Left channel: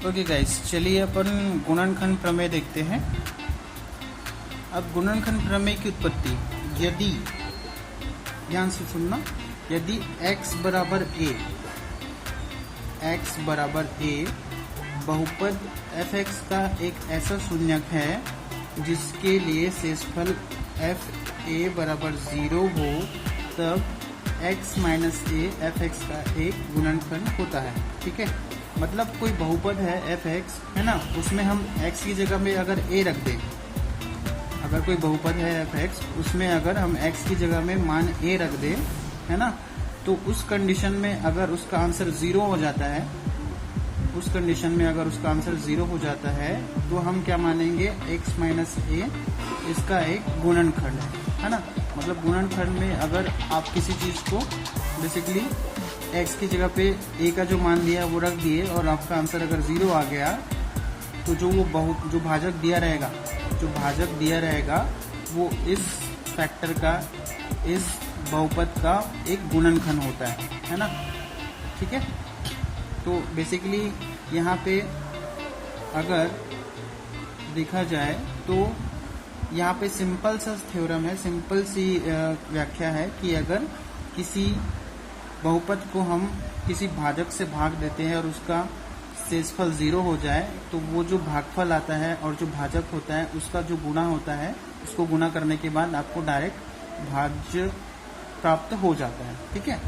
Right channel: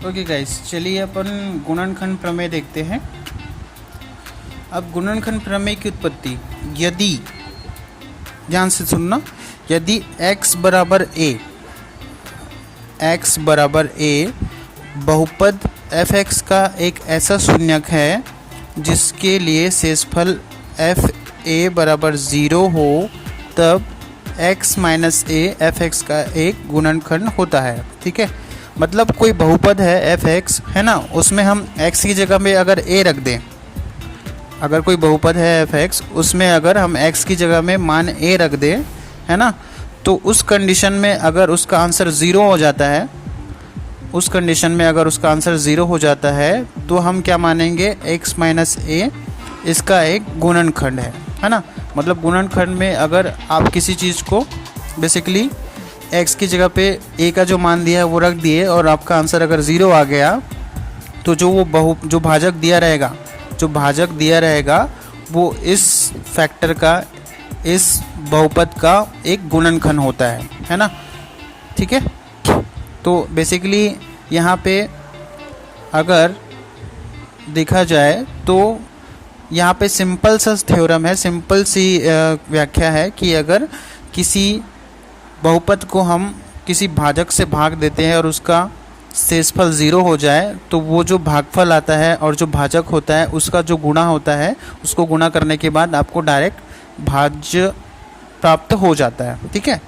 Okay guys, चलिए अपन गुणनखंड प्रमेय देखते हैं। अब गुणनखंड प्रमेय की उत्पत्ति, यदि, ध्यान से सुनना, यदि x बराबर a बहुपद f(x) का एक ऐसा शून्यक है जिसके लिए शेषफल f a बराबर 0 हो, तब x माइनस a f(x) का एक गुणनखंड होता है। ठीक है, मतलब कोई बहुपद है f(x) है ना, उसमें हम x की जगह में अगर a रख दें, अगर कोई बहुपद है f(x) उसमें अगर हम x की जगह में मान a रख दें, है ना, तो उस कंडीशन में अगर उसका आंसर 0 हो जाता है, उस कंडीशन में अगर उसका आंसर 0 हो जाता है तो हम क्या मानेंगे, x माइनस a इसका एक गुणनखंड है ना। मतलब गुणनखंड में अगर आप किसी चीज़ को बेसिकली x की जगह पे a का जो मान दिया है वो रख दिए और आपका आंसर अगर 0 आ गया, तो जो भाजक दिया रहेगा वो इस फैक्टर का, इस बहुपद का एक गुणनखंड होता है ना। ठीक है, तो बेसिकली यहाँ पे अगर देखा जाए तो यहाँ पे सिंपल सा थ्योरम है, सिंपल सी व्याख्या है कि अगर किसी बहुपद को हम किसी भाजक से भाग देते हैं और उसका शेषफल 0 हो जाए, तो वो जो भागफल आता है और जो भाजक होता है उसका जो गुणा होता है, उसको गुणा करने के बाद आपको डायरेक्ट भाज्य प्राप्त हो जाता है। ठीक है,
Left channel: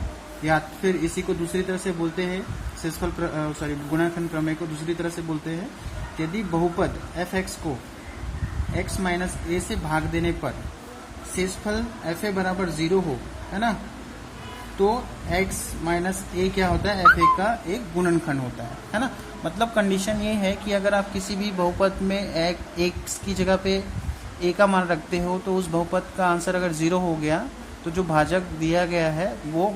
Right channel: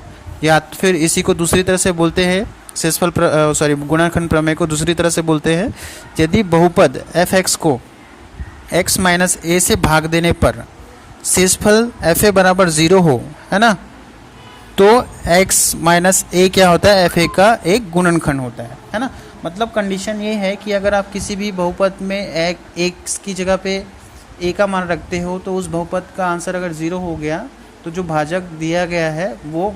या फिर इसी को दूसरी तरह से बोलते हैं, गुणनखंड प्रमेय को दूसरी तरह से बोलते हैं, यदि बहुपद f(x) को x माइनस a से भाग देने पर शेषफल f(a) बराबर 0 हो, है ना, तो x माइनस a क्या होता है, f(a) का एक गुणनखंड होता है ना। मतलब कंडीशन ये है कि अगर आप किसी भी बहुपद में x की जगह पे a का मान रखते हो, तो उस बहुपद का आंसर अगर 0 हो गया तो जो भाजक दिया गया है वो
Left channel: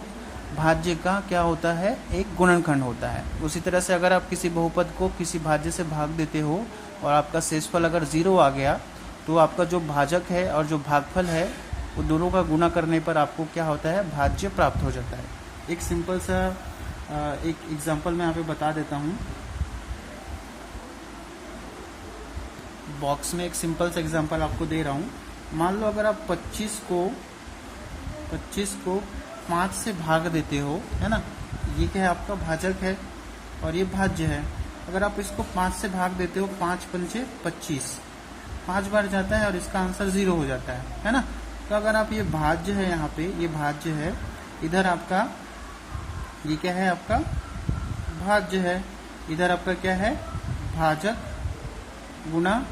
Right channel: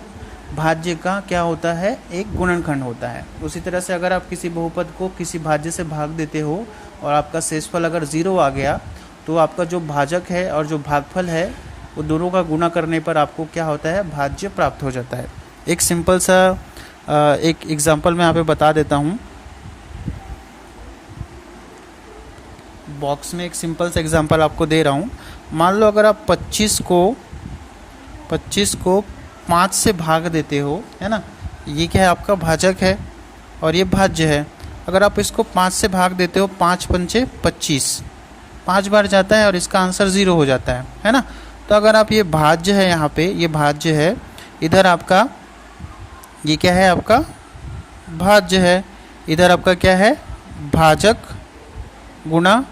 भाज्य का क्या होता है, एक गुणनखंड होता है। उसी तरह से अगर आप किसी बहुपद को किसी भाज्य से भाग देते हो और आपका शेषफल अगर 0 आ गया, तो आपका जो भाजक है और जो भागफल है वो दोनों का गुणा करने पर आपको क्या होता है, भाज्य प्राप्त हो जाता है। एक सिंपल सा एक एग्जांपल मैं यहाँ पे बता देता हूँ। बॉक्स में एक सिंपल सा एग्जांपल आपको दे रहा हूँ। मान लो अगर आप 25 को 5 से भाग देते हो, है ना, ये क्या है, आपका भाजक है और ये भाज्य है। अगर आप इसको 5 से भाग देते हो, 5 पंचे 25, 5 बार जाता है और इसका आंसर 0 हो जाता है ना। तो अगर आप ये भाज्य है, यहाँ पे ये भाज्य है, इधर आपका ये क्या है, आपका भाज्य है, इधर आपका क्या है, भाजक गुणा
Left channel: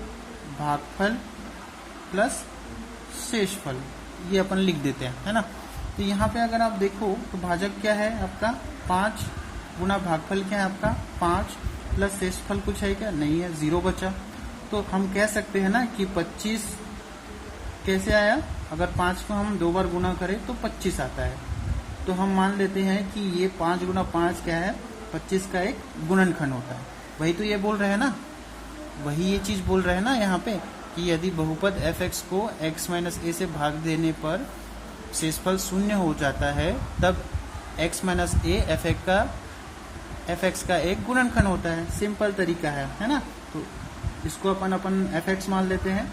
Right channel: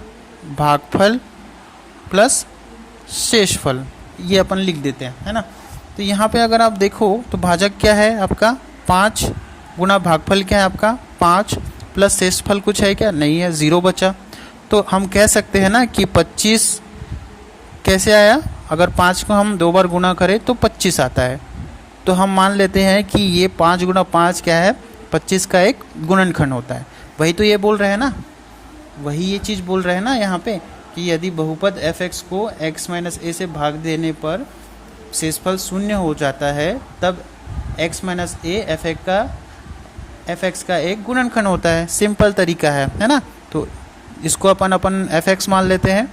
भागफल प्लस शेषफल, ये अपन लिख देते हैं, है ना। तो यहाँ पे अगर आप देखो तो भाजक क्या है आपका 5 गुणा भागफल क्या है आपका 5 प्लस शेषफल कुछ है क्या, नहीं है, 0 बचा। तो हम कह सकते हैं ना कि 25 कैसे आया, अगर 5 को हम 2 बार गुणा करें तो 25 आता है। तो हम मान लेते हैं कि ये 5 गुणा 5 क्या है, 25 का एक गुणनखंड होता है। वही तो ये बोल रहे हैं ना, वही ये चीज़ बोल रहे हैं ना यहाँ पे कि यदि बहुपद f(x) को x माइनस a से भाग देने पर शेषफल 0 हो जाता है, तब x माइनस a f(x) का एक गुणनखंड होता है। सिंपल तरीका है ना। तो इसको अपन f(x) मान लेते हैं,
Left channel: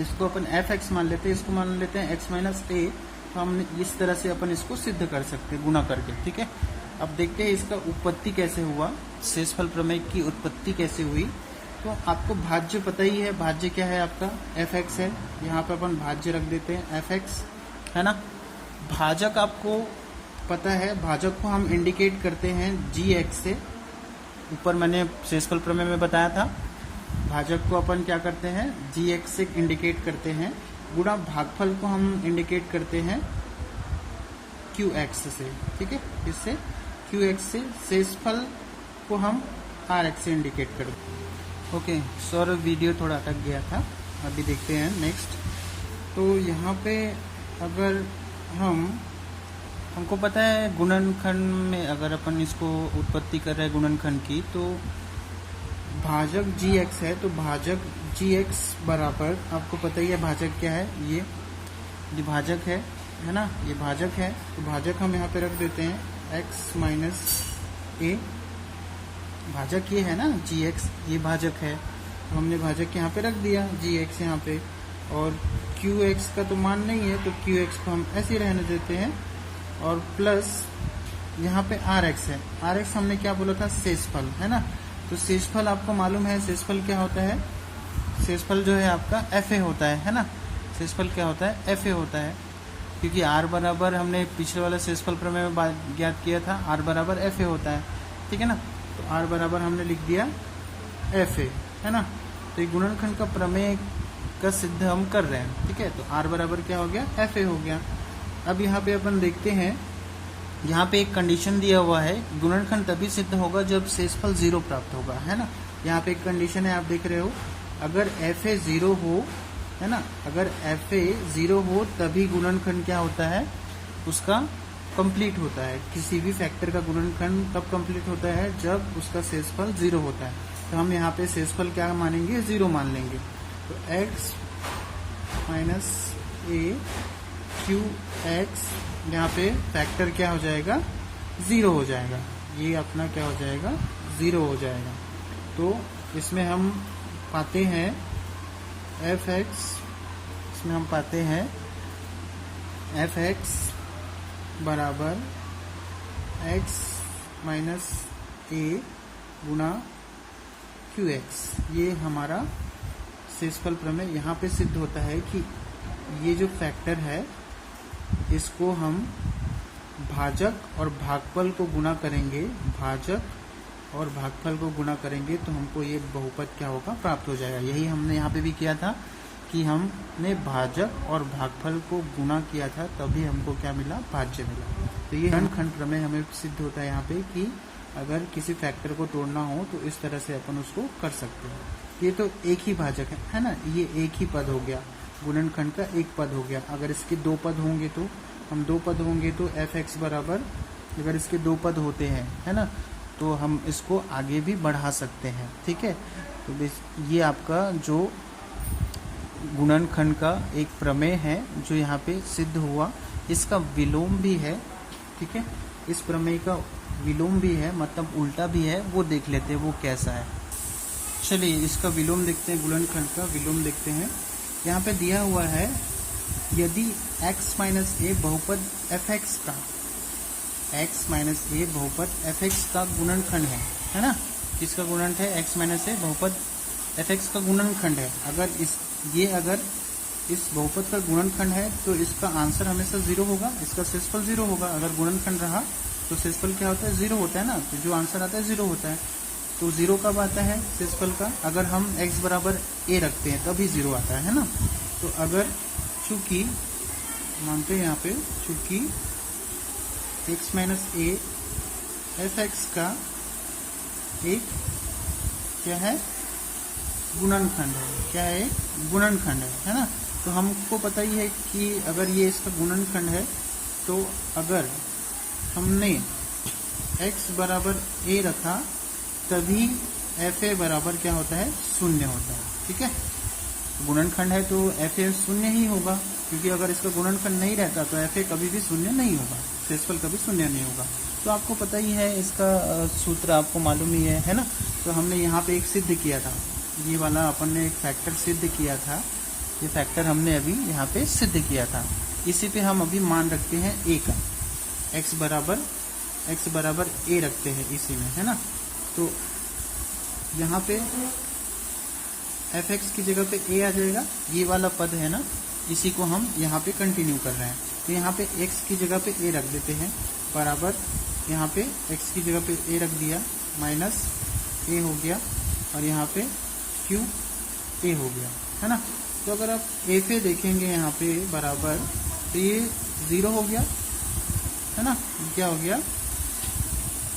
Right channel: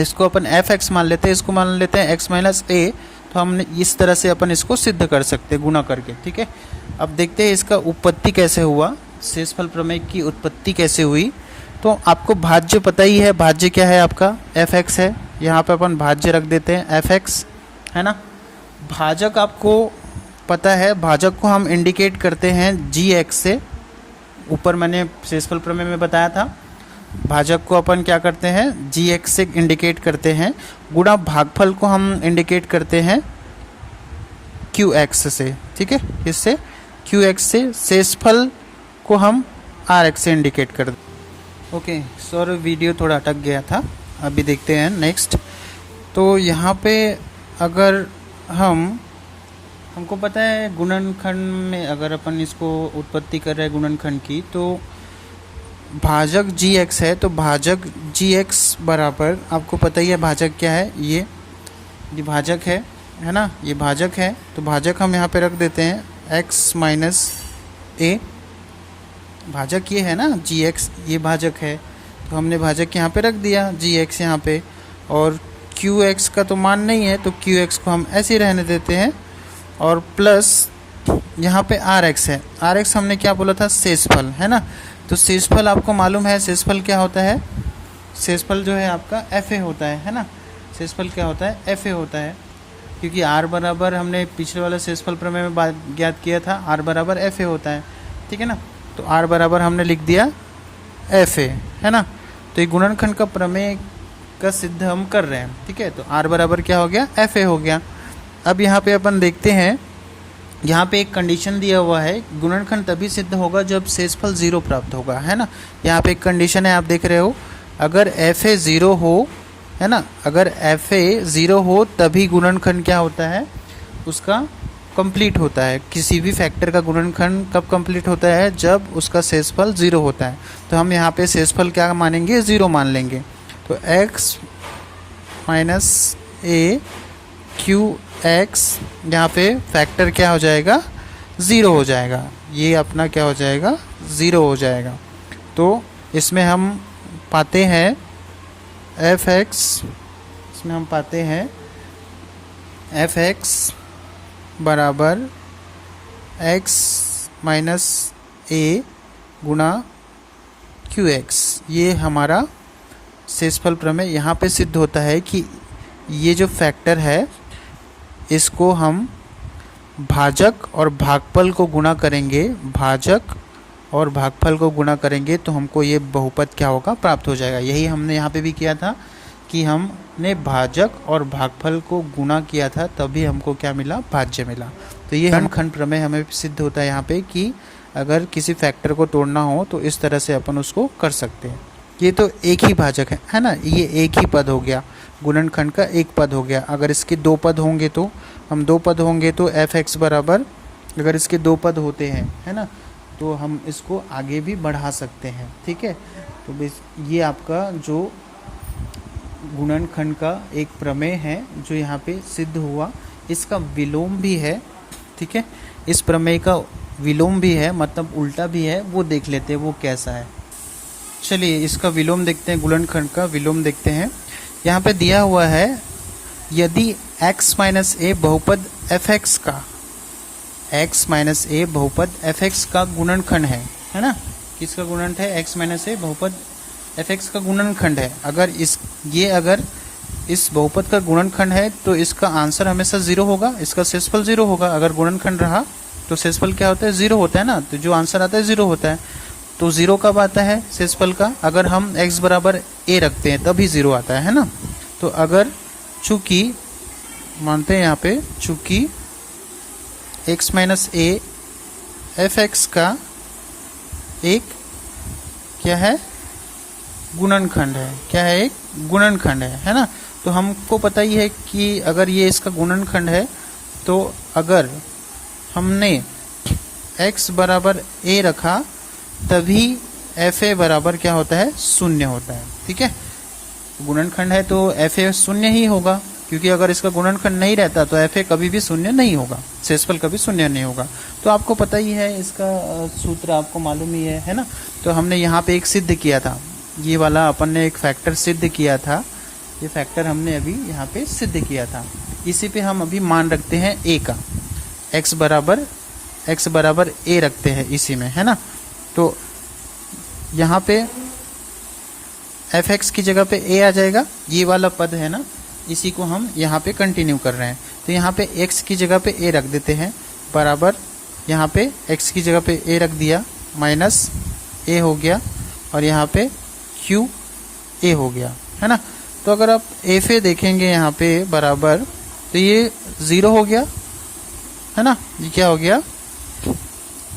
इसको अपन f(x) मान लेते हैं, इसको मान लेते हैं x माइनस a। तो हम इस तरह से अपन इसको सिद्ध कर सकते हैं गुणा करके। ठीक है, अब देखते हैं इसका उत्पत्ति कैसे हुआ, शेषफल प्रमेय की उत्पत्ति कैसे हुई। तो आपको भाज्य पता ही है, भाज्य क्या है आपका f(x) है, यहाँ पे अपन भाज्य रख देते हैं f(x), है ना। भाजक आपको पता है, भाजक को हम इंडिकेट करते हैं gx से, ऊपर मैंने शेषफल प्रमेय में बताया था, भाजक को अपन क्या करते हैं, gx से इंडिकेट करते हैं। गुणा भागफल को हम इंडिकेट करते हैं qx से। ठीक है, इससे qx से, शेषफल को हम rx से इंडिकेट करते हैं। ओके सर, वीडियो थोड़ा अटक गया था, अभी देखते हैं नेक्स्ट। तो यहाँ पे अगर हमको पता है गुणनखंड में अगर अपन इसको उत्पत्ति कर रहे हैं गुणनखंड की, तो भाजक gx है, तो भाजक gx बराबर, आपको पता ही है भाजक क्या है, ये भाजक है ना, ये भाजक है। तो भाजक हम यहाँ पे रख देते हैं x माइनस a, भाजक ये है ना जी एक्स, ये भाजक है, तो हमने भाजक यहाँ पे रख दिया जी एक्स यहाँ पे, और क्यू एक्स का तो मान नहीं है तो क्यू एक्स को हम ऐसे ही रहने देते हैं, और प्लस यहाँ पे आर एक्स है। आर एक्स हमने क्या बोला था, शेषफल है ना। तो शेषफल आपको मालूम है, शेषफल क्या होता है, शेषफल जो है आपका एफ ए होता है ना। शेषफल क्या होता है, एफ ए होता है, क्योंकि आर बराबर हमने पिछले वाला शेषफल प्रमेय में ज्ञात किया था, आर बराबर एफ ए होता है, ठीक है ना। तो आर बराबर हमने लिख दिया एफ ए, है ना। तो ये गुणनखंड का प्रमेय का सिद्ध हम कर रहे हैं, ठीक है। तो आर बराबर क्या हो गया, एफ ए हो गया। अब यहाँ पे अपन देखते हैं, यहाँ पे एक कंडीशन दिया हुआ है, गुणनखंड तभी सिद्ध होगा जब शेषफल 0 प्राप्त होगा, है ना। यहाँ पे एक कंडीशन है, आप देख रहे हो, अगर एफ ए 0 हो, है ना, अगर एफ ए 0 हो तभी गुणनखंड क्या होता है, उसका कंप्लीट होता है। किसी भी फैक्टर का गुणनखंड कब कंप्लीट होता है, जब उसका शेषफल 0 होता है। तो हम यहाँ पे शेषफल क्या मानेंगे, 0 मान लेंगे। तो x माइनस ए क्यू एक्स, यहाँ पे फैक्टर क्या हो जाएगा, 0 हो जाएगा। ये अपना क्या हो जाएगा, 0 हो जाएगा। तो इसमें हम पाते हैं एफ एक्स, इसमें हम पाते हैं एफ एक्स बराबर x माइनस ए गुणा क्यू एक्स। ये हमारा शेषफल प्रमेय यहाँ पे सिद्ध होता है कि ये जो फैक्टर है इसको हम भाजक और भागफल को गुणा करेंगे, भाजक और भागफल को गुणा करेंगे तो हमको ये बहुपद क्या होगा, प्राप्त हो जाएगा। यही हमने यहाँ पे भी किया था कि हमने भाजक और भागफल को गुणा किया था, तभी हमको क्या मिला, भाज्य मिला। तो ये गुणनखंड प्रमेय हमें सिद्ध होता है यहाँ पे कि अगर किसी फैक्टर को तोड़ना हो तो इस तरह से अपन उसको कर सकते हैं। ये तो एक ही भाजक है ना, ये एक ही पद हो गया, गुणनखंड का एक पद हो गया। अगर इसके 2 पद होंगे तो हम 2 पद होंगे तो एफ एक्स बराबर, अगर इसके 2 पद होते हैं, है ना, तो हम इसको आगे भी बढ़ा सकते हैं, ठीक है। तो ये आपका जो गुणनखंड का एक प्रमेय है जो यहाँ पे सिद्ध हुआ, इसका विलोम भी है, ठीक है। इस प्रमेय का विलोम भी है, मतलब उल्टा भी है, वो देख लेते हैं वो कैसा है। चलिए इसका विलोम देखते हैं, गुणनखंड का विलोम देखते हैं। यहाँ पे दिया हुआ है, यदि x माइनस ए बहुपद एफ एक्स का, x माइनस ए बहुपद एफ एक्स का गुणनखंड है ना। किसका गुणनखंड है, x माइनस ए बहुपद एफ एक्स का गुणनखंड है। अगर इस बहुपद का गुणनखंड है तो इसका आंसर हमेशा 0 होगा, इसका शेषफल 0 होगा। अगर गुणनखंड रहा तो शेषफल क्या होता है, 0 होता है ना। तो जो आंसर आता है 0 होता है। तो 0 कब आता है शेषफल का, अगर हम x बराबर a रखते हैं तभी 0 आता है ना। तो अगर चूँकि मानते हैं यहाँ पे, चूँकि x minus A F x का एक क्या है, गुणनखंड है। क्या है, एक गुणनखंड है ना। तो हमको पता ही है कि अगर ये इसका गुणनखंड है तो अगर हमने x बराबर a रखा तभी एफ ए बराबर क्या होता है, 0 होता है, ठीक है। गुणनखंड है तो एफ ए 0 ही होगा, क्योंकि अगर इसका गुणनखंड नहीं रहता तो एफ ए कभी भी 0 नहीं होगा, शेषफल कभी 0 नहीं होगा। तो आपको पता ही है, इसका सूत्र आपको मालूम ही है ना। तो हमने यहाँ पे एक सिद्ध किया था, ये वाला अपन ने एक फैक्टर सिद्ध किया था, ये फैक्टर हमने अभी यहाँ पे सिद्ध किया था। इसी पे हम अभी मान रखते हैं a का, x बराबर a रखते हैं इसी में, है ना। तो यहाँ पे एफ एक्स की जगह पे a आ जाएगा, ये वाला पद है ना, इसी को हम यहाँ पे कंटिन्यू कर रहे हैं। तो यहाँ पे x की जगह पे a रख देते हैं, बराबर यहाँ पे x की जगह पे a रख दिया, माइनस a हो गया, और यहाँ पे q a हो गया, है ना। तो अगर आप एफ ए देखेंगे यहाँ पे बराबर, तो ये 0 हो गया, है ना। ये क्या हो गया,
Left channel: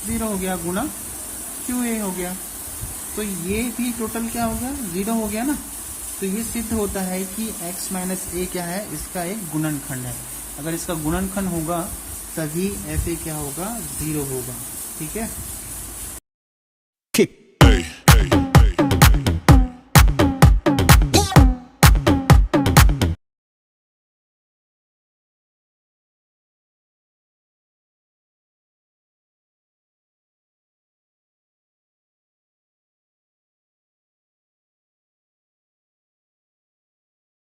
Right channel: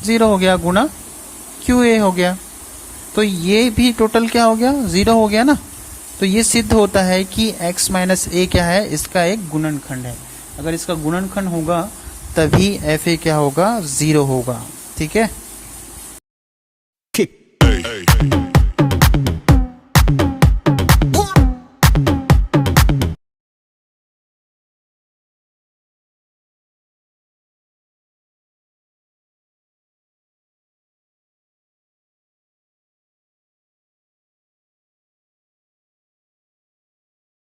0 हो गया, गुणा क्यू ए हो गया। तो ये भी टोटल क्या हो गया, 0 हो गया ना। तो ये सिद्ध होता है कि x माइनस ए क्या है, इसका एक गुणनखंड है। अगर इसका गुणनखंड होगा तभी एफ ए क्या होगा, 0 होगा, ठीक है।